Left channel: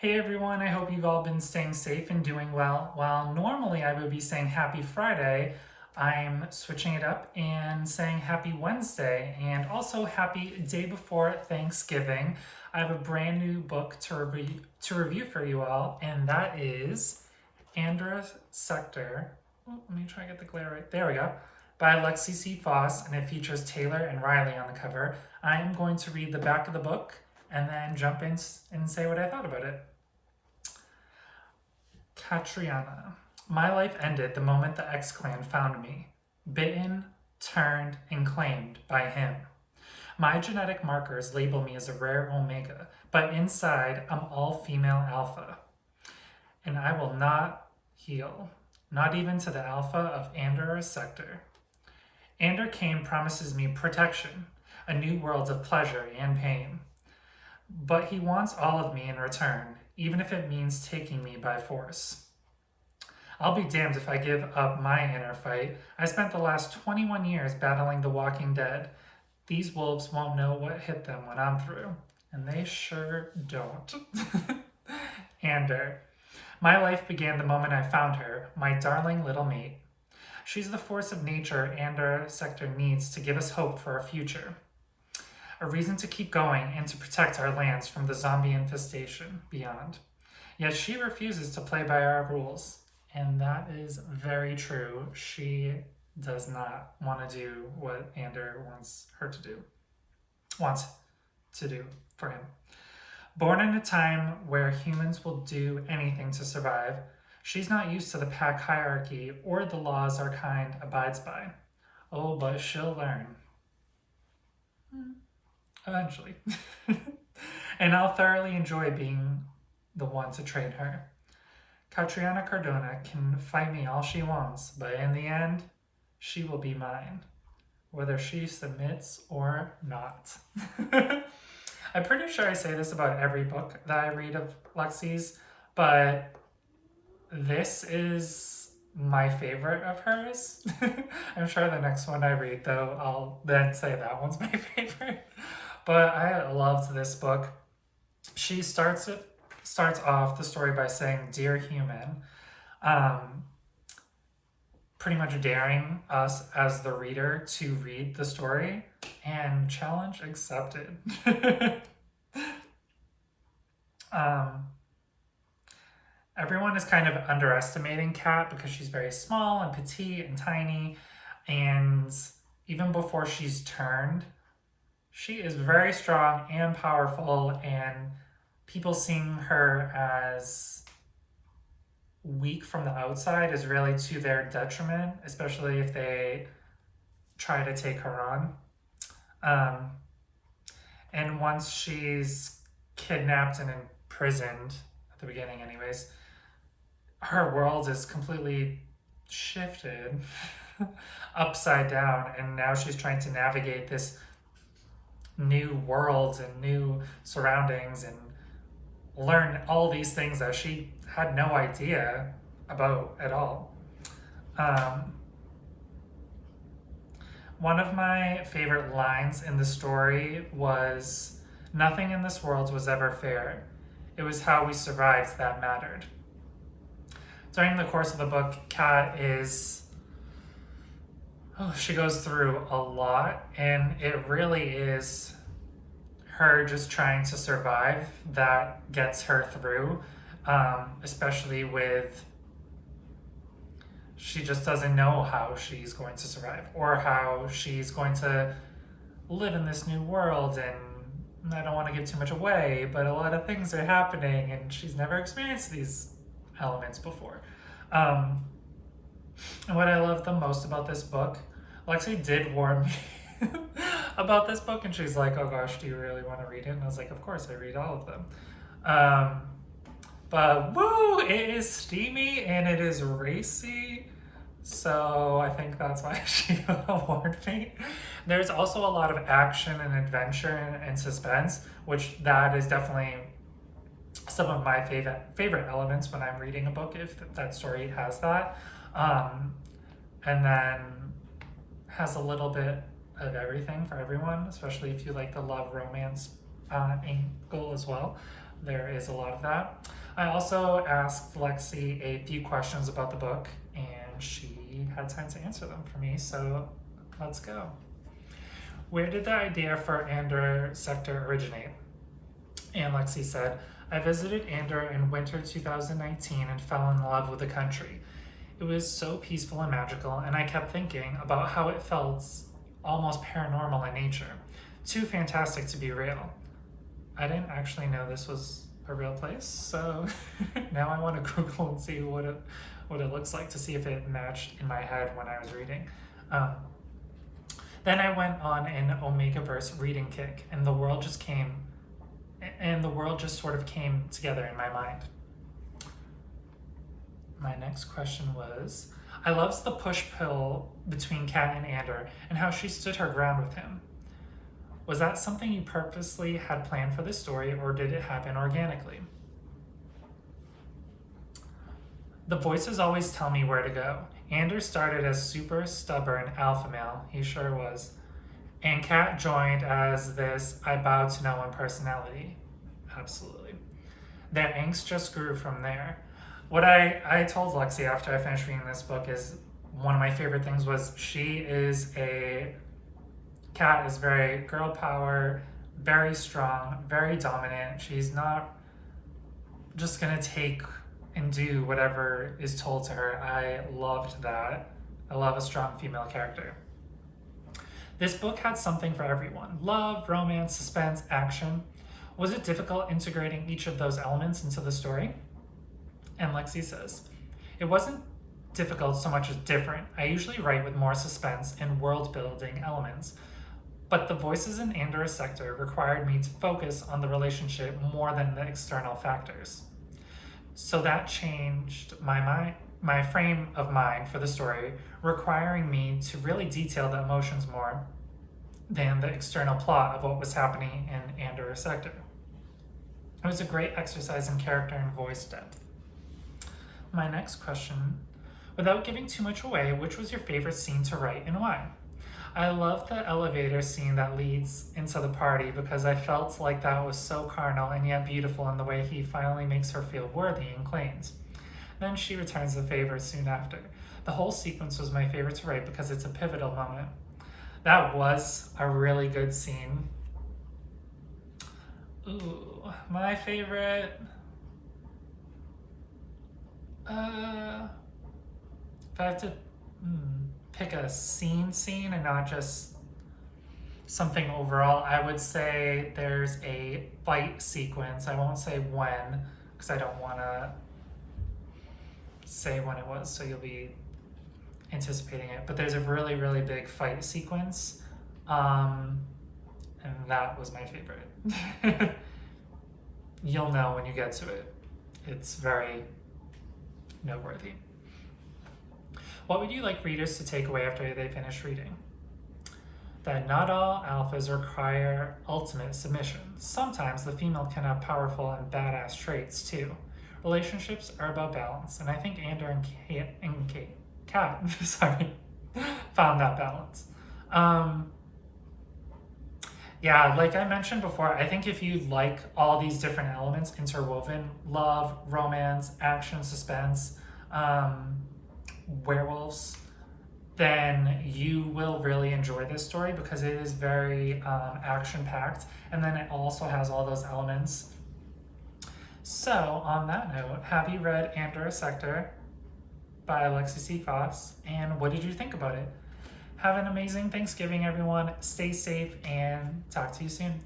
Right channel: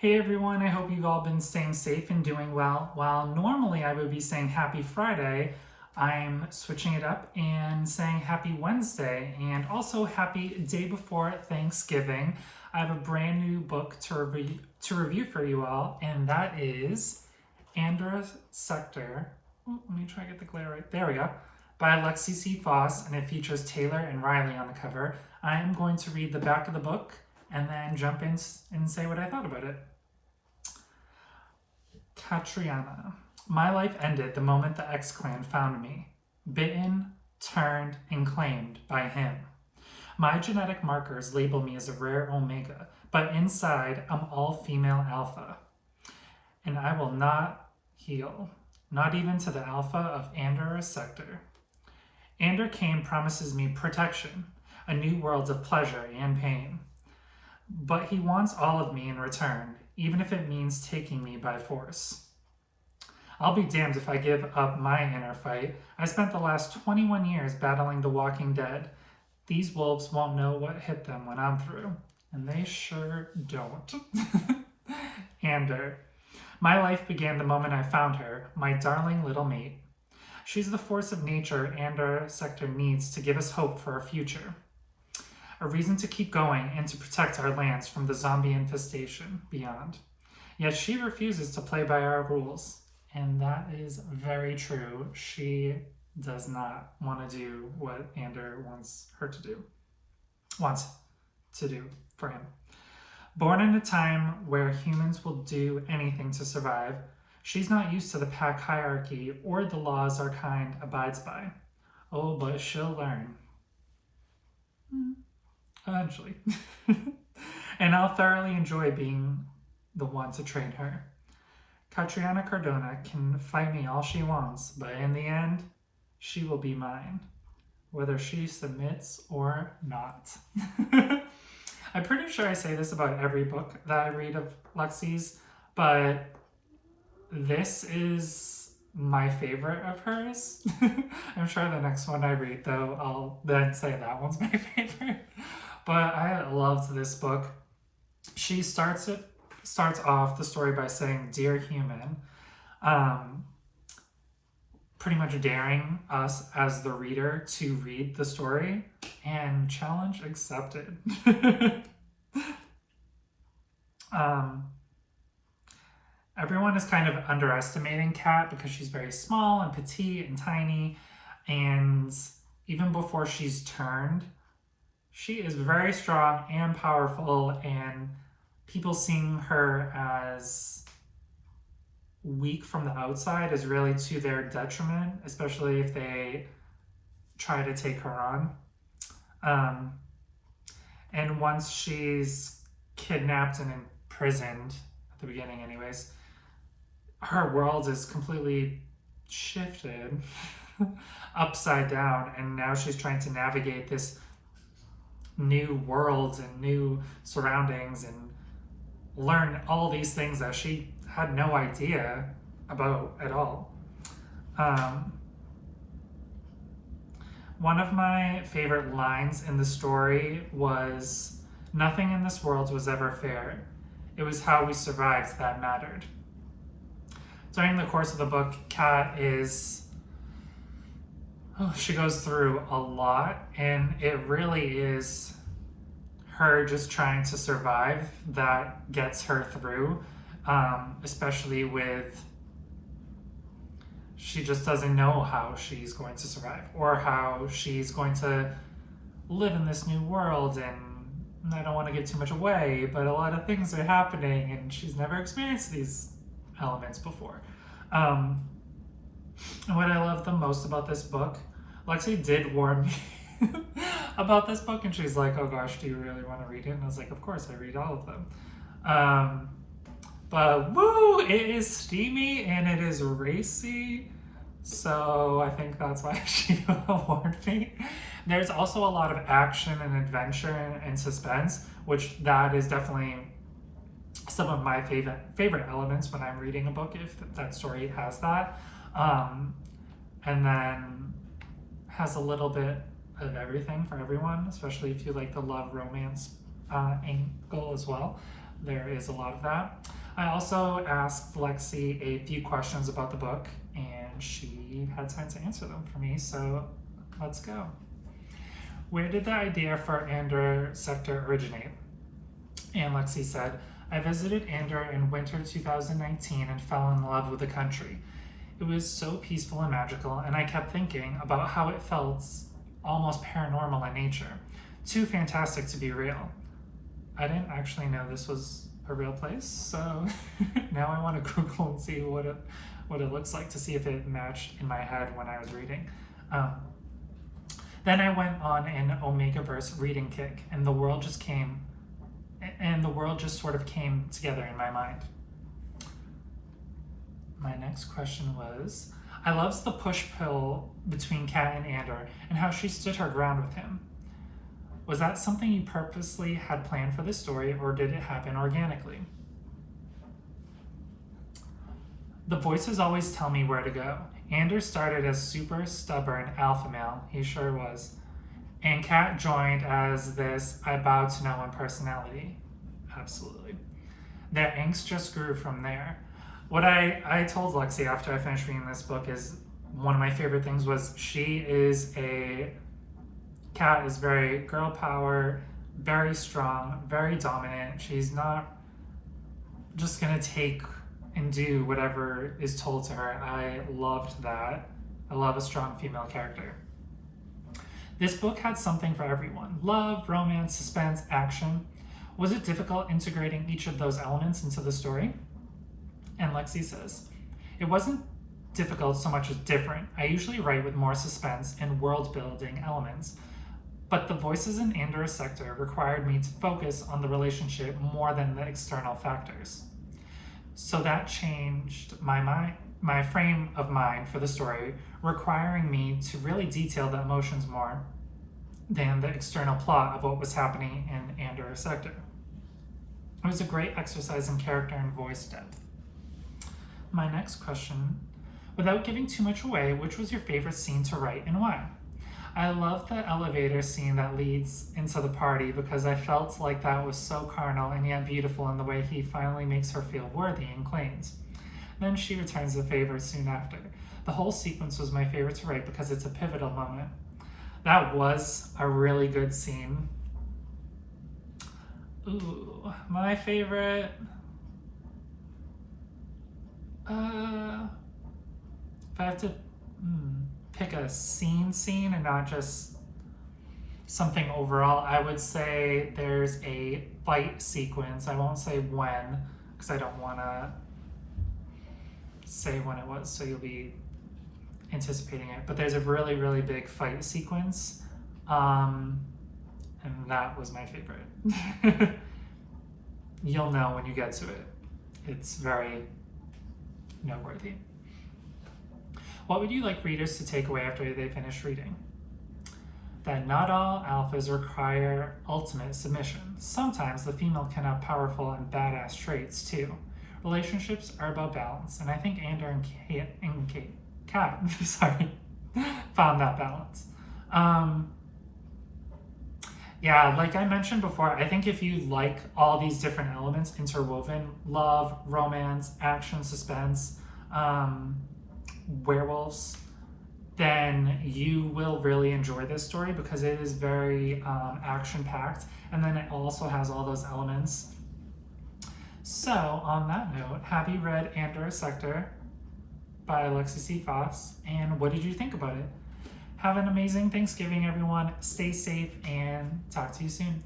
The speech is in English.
Hey everyone, I hope you've all been staying safe and doing well. While normally I would be saying happy Friday, I'm switching it up and saying happy Wednesday and also happy day before Thanksgiving. I have a brand new book to review for you all, and that is Andorra Sector. Let me try to get the glare right. There we go. By Lexi Foss, and it features Taylor and Riley on the cover. I am going to read the back of the book and then jump in and say what I thought about it. Katriana. My life ended the moment the X-Clan found me. Bitten, turned, and claimed by him. My genetic markers label me as a rare Omega, but inside I'm all female Alpha. And I will not heal, not even to the Alpha of Andorra Sector. Cain promises me protection, a new world of pleasure and pain. But he wants all of me in return, even if it means taking me by force. I'll be damned if I give up my inner fight. I spent the last 21 years battling the Walking Dead. These wolves won't know what hit them when I'm through, and they sure don't. Ander. My life began the moment I found her, my darling little mate. She's the force of nature Andorra Sector needs to give us hope for a future. A reason to keep going and to protect our lands from the zombie infestation beyond. Yet she refuses to play by our rules. And that is very true. She does not want to do what Andor wants to do for him. Born in a time where humans will do anything to survive, she's not used to the pack hierarchy or the laws our kind abides by. Oh, but she'll learn. Eventually. And I'll thoroughly enjoy being the one to train her. Katriana Cardona can fight me all she wants, but in the end, she will be mine, whether she submits or not. I'm pretty sure I say this about every book that I read of Lexi's, but this is my favorite of hers. I'm sure the next one I read, though, I'll then say that one's my favorite. But I loved this book. She starts off the story by saying, "Dear human," pretty much daring us as the reader to read the story, and challenge accepted. Everyone is kind of underestimating Kat because she's very small and petite and tiny, and even before she's turned, she is very strong and powerful, and people seeing her as weak from the outside is really to their detriment, especially if they try to take her on. And once she's kidnapped and imprisoned, at the beginning anyways, her world is completely shifted upside down, and now she's trying to navigate this new world and new surroundings and learn all these things that she had no idea about at all. One of my favorite lines in the story was, "Nothing in this world was ever fair. It was how we survived that mattered." During the course of the book, Kat she goes through a lot, and it really is her just trying to survive that gets her through, especially with she just doesn't know how she's going to survive or how she's going to live in this new world. And I don't want to give too much away, but a lot of things are happening and she's never experienced these elements before. And what I love the most about this book, Lexi did warn me about this book, and she's like, "Oh gosh, do you really want to read it?" And I was like, "Of course, I read all of them." But woo, it is steamy and it is racy, so I think that's why she warned me. There's also a lot of action and adventure and suspense, which that is definitely some of my favorite elements when I'm reading a book, if that story has that. And then has a little bit of everything for everyone, especially if you like the love romance angle as well. there is a lot of that. I also asked Lexi a few questions about the book, and she had time to answer them for me, so let's go. Where did the idea for Andorra Sector originate? And Lexi said, I visited Andorra in winter 2019 and fell in love with the country. It was so peaceful and magical, and I kept thinking about how it felt almost paranormal in nature. Too fantastic to be real. I didn't actually know this was a real place, so now I want to Google and see what it looks like to see if it matched in my head when I was reading. Then I went on an Omegaverse reading kick, and the world just sort of came together in my mind. My next question was, I loved the push-pull between Kat and Andor and how she stood her ground with him. Was that something you purposely had planned for this story, or did it happen organically? The voices always tell me where to go. Andor started as super stubborn alpha male, he sure was, and Kat joined as this I bow to no one personality. Absolutely. Their angst just grew from there. What I told Lexi after I finished reading this book is one of my favorite things was Kat is very girl power, very strong, very dominant. She's not just gonna take and do whatever is told to her. I loved that. I love a strong female character. This book had something for everyone. Love, romance, suspense, action. Was it difficult integrating each of those elements into the story? And Lexi says, it wasn't difficult so much as different. I usually write with more suspense and world-building elements, but the voices in Andorra Sector required me to focus on the relationship more than the external factors. So that changed my frame of mind for the story, requiring me to really detail the emotions more than the external plot of what was happening in Andorra Sector. It was a great exercise in character and voice depth. My next question, without giving too much away, which was your favorite scene to write and why? I love the elevator scene that leads into the party because I felt like that was so carnal and yet beautiful in the way he finally makes her feel worthy and claims. Then she returns the favor soon after. The whole sequence was my favorite to write because it's a pivotal moment. That was a really good scene. Ooh, my favorite... if I have to pick a scene and not just something overall, I would say there's a fight sequence. I won't say when, because I don't want to say when it was, so you'll be anticipating it. But there's a really, really big fight sequence, and that was my favorite. You'll know when you get to it. It's very noteworthy. What would you like readers to take away after they finish reading? That not all alphas require ultimate submission. Sometimes the female can have powerful and badass traits too. Relationships are about balance, and I think Andor and Kat found that balance. Yeah, like I mentioned before, I think if you like all these different elements interwoven, love, romance, action, suspense, werewolves, then you will really enjoy this story because it is very action-packed, and then it also has all those elements. So, on that note, have you read Andorra Sector by Lexi Foss, and what did you think about it? Have an amazing Thanksgiving, everyone. Stay safe, and talk to you soon.